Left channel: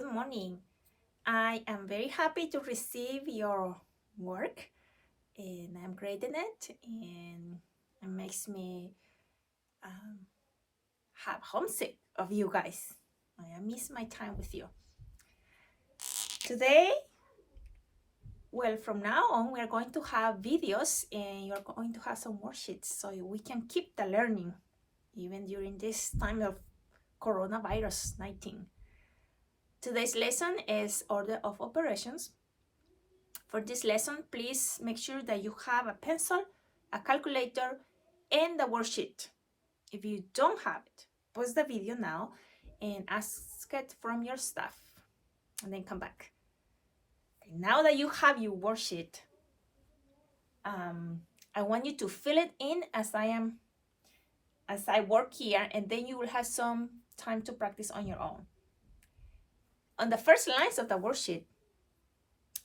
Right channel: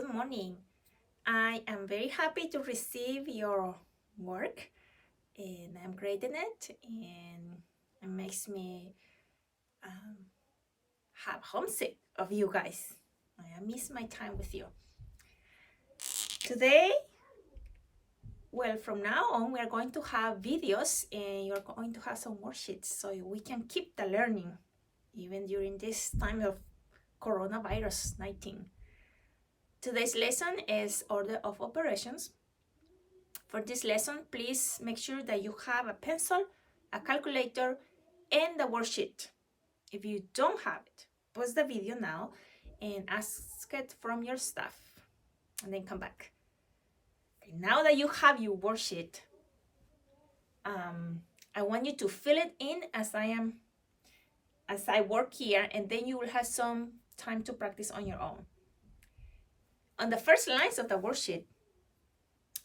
good morning. I am very happy to receive your work, and I'm grading it, and it makes me have homesick of you guys. I miss my time with you. Today, well, from now on, we are going to have videos, and you're going to have some worksheets so we can keep the learning even during this time of coronavirus 19. Today's lesson is order of operations. For this lesson, please make sure that you have a pencil, a calculator, and the worksheet. If you don't have it, pause the video now and ask it from your staff, and then come back. Okay, now that you have your worksheet, I want you to fill it in as I work here, and then you will have some time to practice on your own. On the first lines of the worksheet,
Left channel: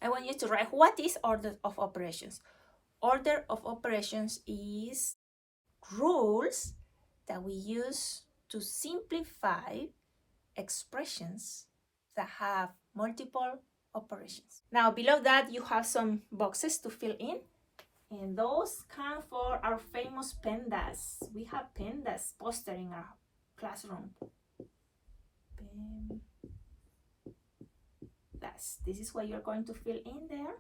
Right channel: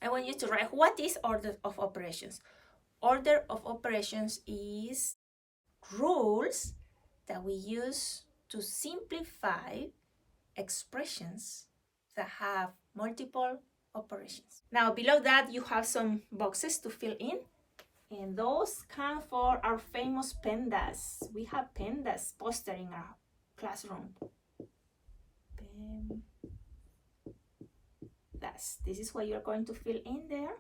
I want you to write what is order of operations. Order of operations is rules that we use to simplify expressions that have multiple operations. Now, below that, you have some boxes to fill in, and those come for our famous PEMDAS. We have PEMDAS poster in our classroom. This is what you're going to fill in there.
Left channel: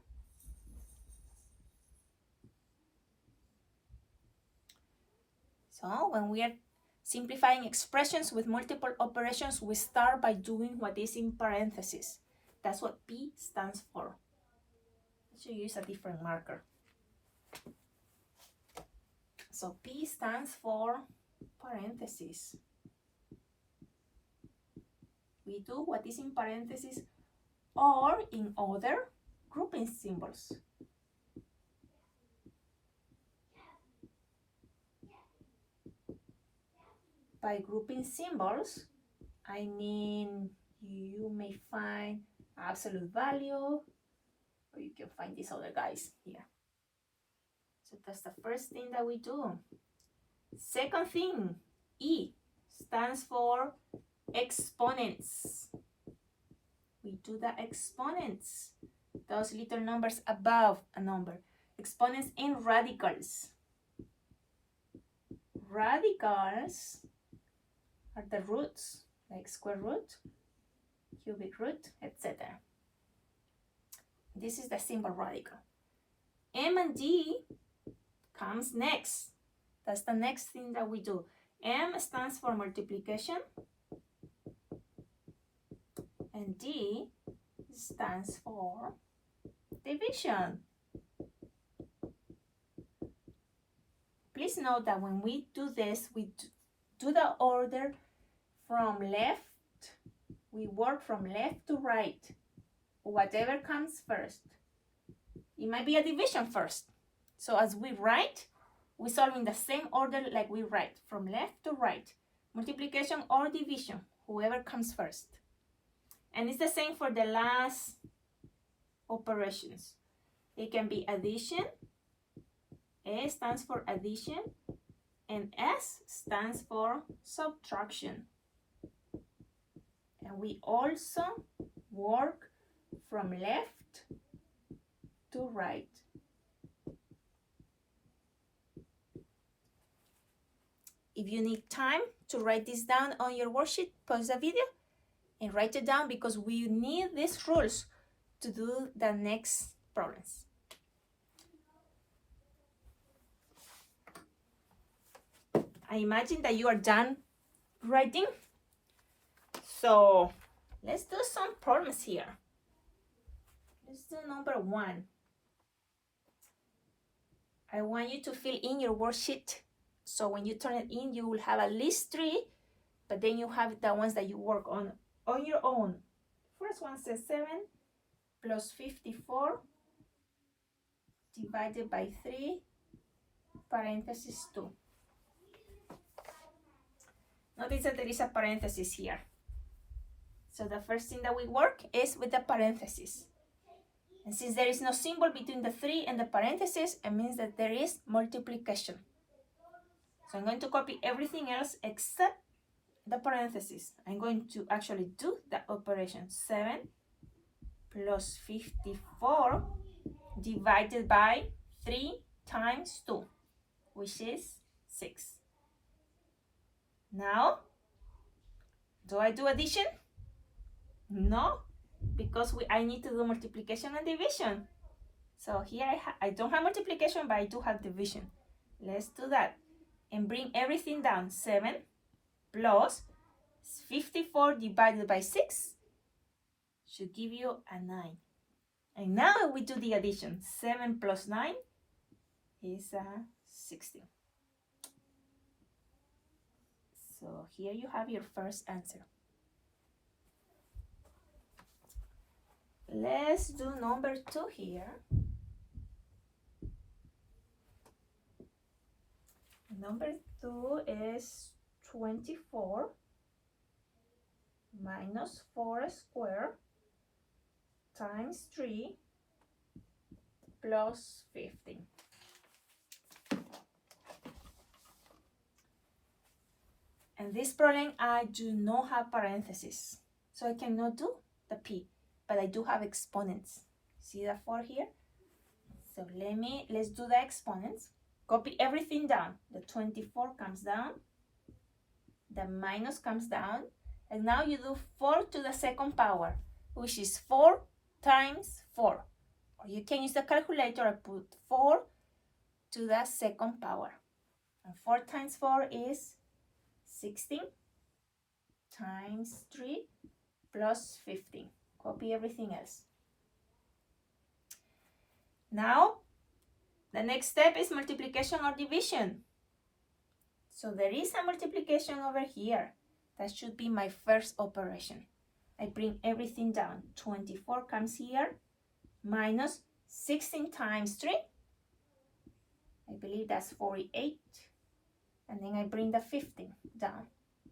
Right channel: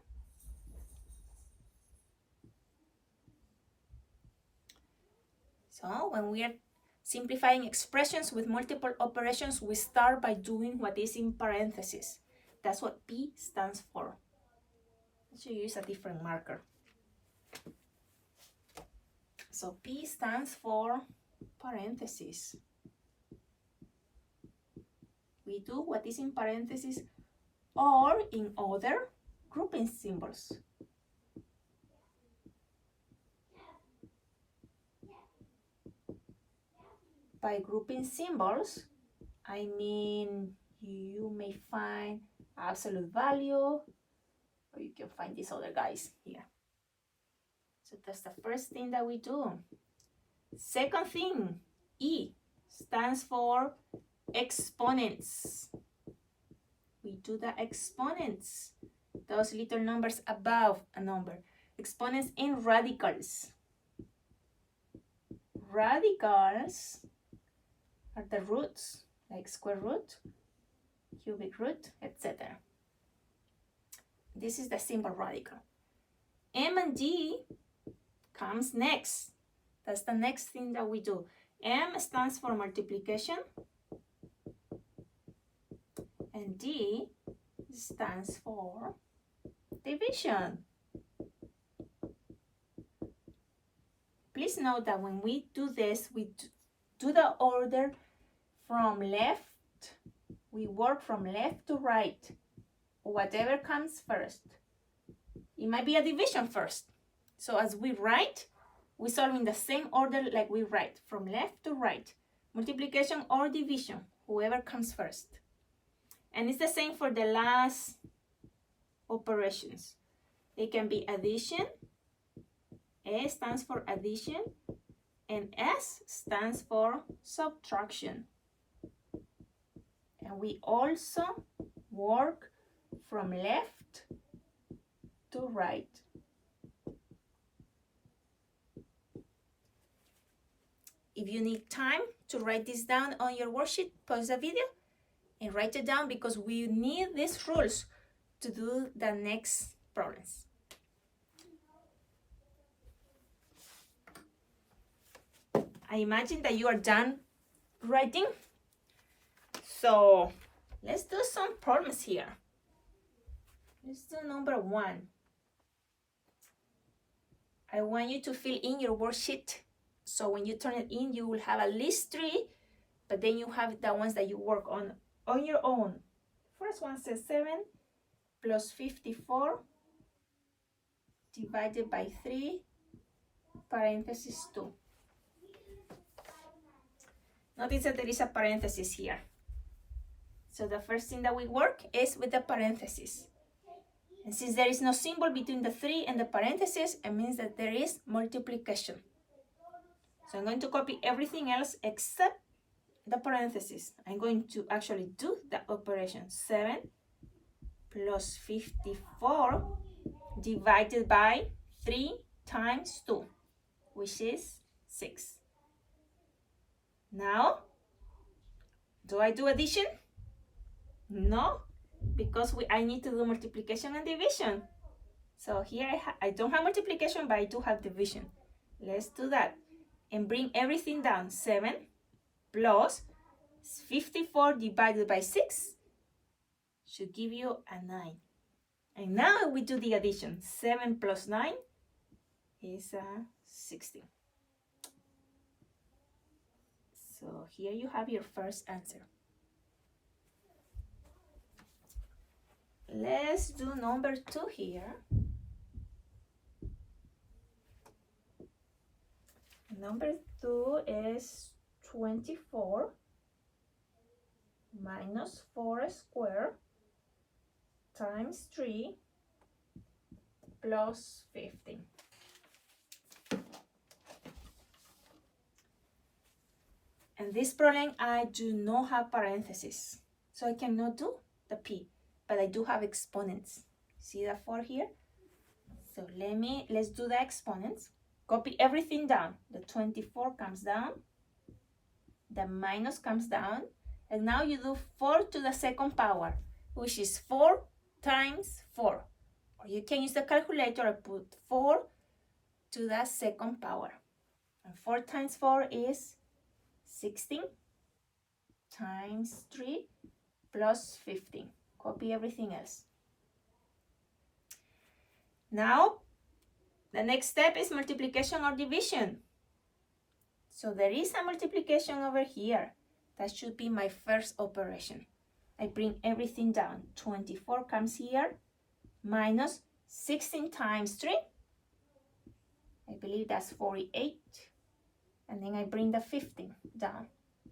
So when we are simplifying expressions with multiple operations, we start by doing what is in parentheses. That's what P stands for. I should use a different marker. So P stands for parentheses. We do what is in parentheses or in other grouping symbols. By grouping symbols, I mean you may find absolute value, or you can find these other guys here. So that's the first thing that we do. Second thing, E stands for exponents. We do the exponents, those little numbers above a number. Exponents in radicals. Radicals are the roots, like square root, cubic root, etc. This is the symbol radical. M and D comes next. That's the next thing that we do. M stands for multiplication, and D stands for division. Please note that when we do this, we do the order from left. We work from left to right, whatever comes first. It might be a division first. So as we write, we solve in the same order like we write, from left to right. Multiplication or division, whoever comes first. And it's the same for the last operations. It can be addition. A stands for addition, and S stands for subtraction. And we also work from left to right. If you need time to write this down on your worksheet, pause the video and write it down, because we need these rules to do the next problems. I imagine that you are done writing. So let's do some problems here. Let's do number 1. I want you to fill in your worksheet. So when you turn it in, you will have at least 3, but then you have the ones that you work on your own. First one says 7 plus 54 divided by 3, parenthesis 2. Notice that there is a parenthesis here. So the first thing that we work is with the parenthesis. And since there is no symbol between the 3 and the parenthesis, it means that there is multiplication. So I'm going to copy everything else except the parentheses. I'm going to actually do the operation. 7 plus 54 divided by 3 times 2, which is 6. Now, do I do addition? No, because I need to do multiplication and division. So here I don't have multiplication, but I do have division. Let's do that and bring everything down. 7 plus 54 divided by 6 should give you a 9. And now we do the addition. 7 plus 9 is 16. So here you have your first answer. Let's do number 2 here. Number 2 is 24 minus 4 squared times 3 plus 15. And this problem, I do not have parentheses, so I cannot do the P, but I do have exponents. See the 4 here? So let's do the exponents. Copy everything down. The 24 comes down, the minus comes down, and now you do 4 to the second power, which is 4 times 4. Or you can use the calculator and put 4 to the second power. And 4 times 4 is 16 times 3 plus 15. Copy everything else. Now, the next step is multiplication or division. So there is a multiplication over here. That should be my first operation. I bring everything down. 24 comes here, minus 16 times 3. I believe that's 48. And then I bring the 15 down,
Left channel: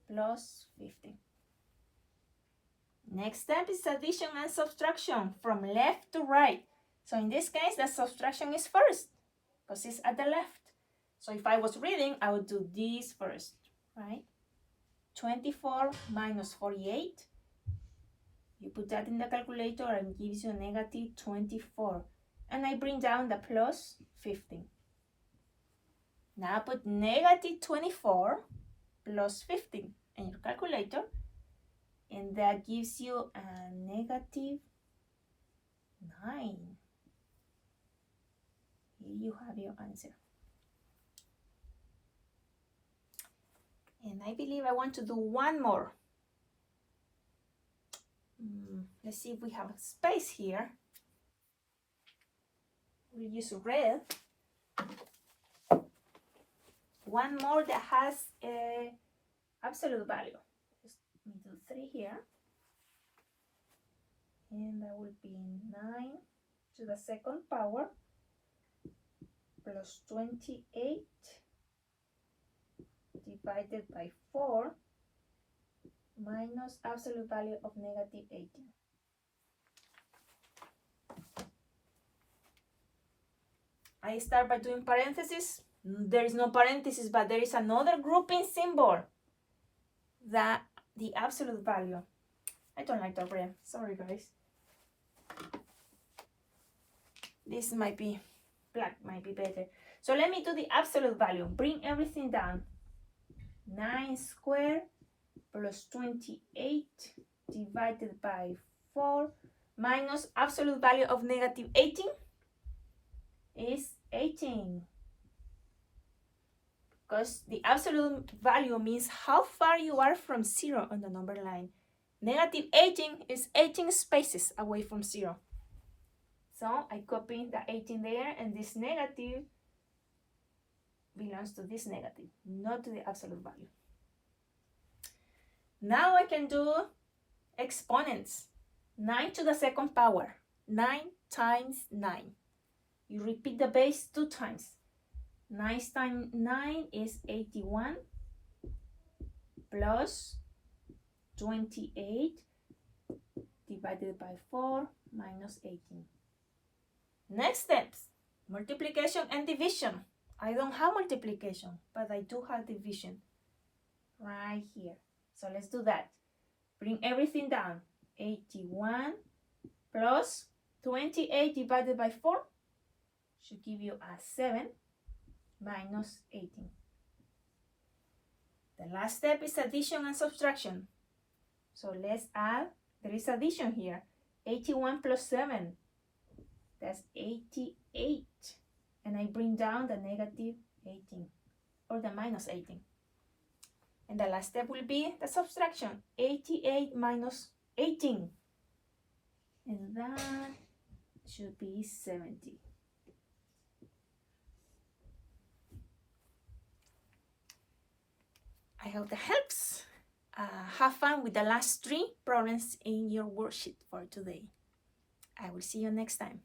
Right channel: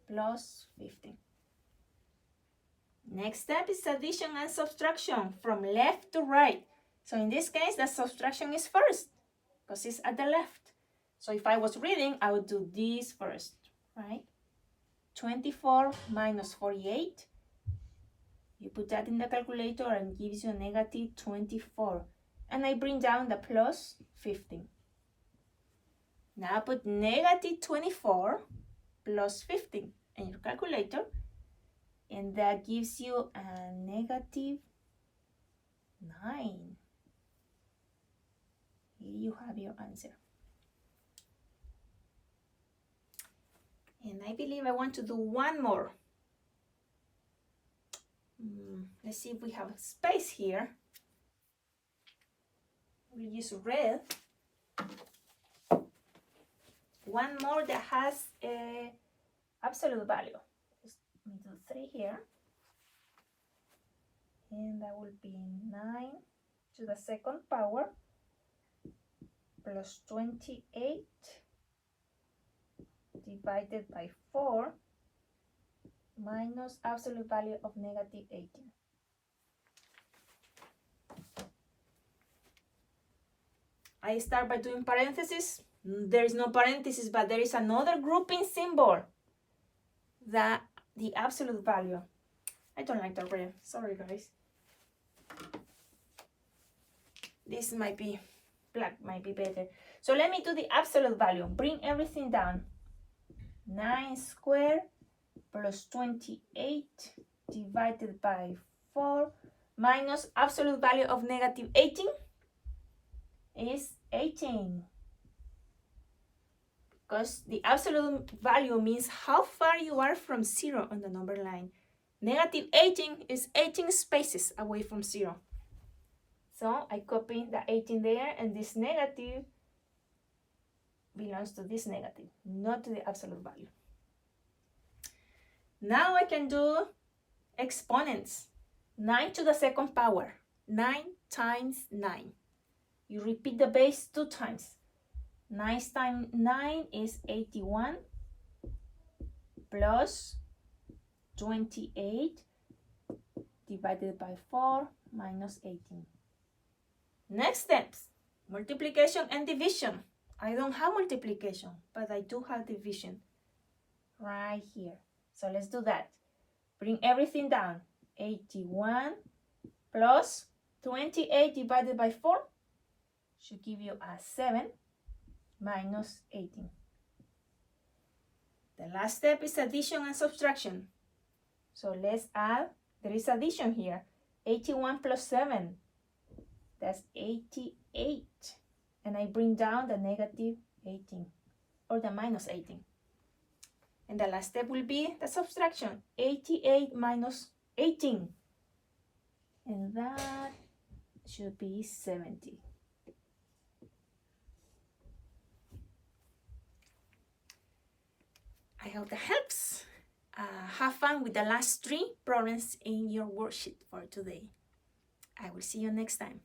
plus 15. Next step is addition and subtraction from left to right. So in this case, the subtraction is first, because it's at the left. So if I was reading, I would do this first, right? 24 minus 48. You put that in the calculator and gives you negative 24. And I bring down the plus 15. Now put negative 24 plus 15 in your calculator, and that gives you a negative 9. Here you have your answer. And I believe I want to do one more. Let's see if we have a space here. We'll use red. One more that has a absolute value. Let me do 3 here. And that will be 9 to the second power plus 28 divided by 4 minus absolute value of negative 18. I start by doing parentheses. There is no parentheses, but there is another grouping symbol, the absolute value. I don't like the red. Sorry, guys. This might be black, might be better. So let me do the absolute value. Bring everything down. 9 squared plus 28 divided by 4 minus absolute value of negative 18 is 18. Because the absolute value means how far you are from 0 on the number line. Negative 18 is 18 spaces away from 0. So I copy the 18 there, and this negative belongs to this negative, not to the absolute value. Now I can do exponents. 9 to the second power. 9 times 9. You repeat the base 2 times. 9 times 9 is 81 plus 28 divided by 4 minus 18. Next steps, multiplication and division. I don't have multiplication, but I do have division right here. So let's do that. Bring everything down. 81 plus 28 divided by 4 should give you a 7 minus 18. The last step is addition and subtraction. So let's add, there is addition here. 81 plus 7, that's 88. And I bring down the negative 18 or the minus 18. And the last step will be the subtraction, 88 minus 18. And that should be 70. I hope that helps. Have fun with the last 3 problems in your worksheet for today. I will see you next time.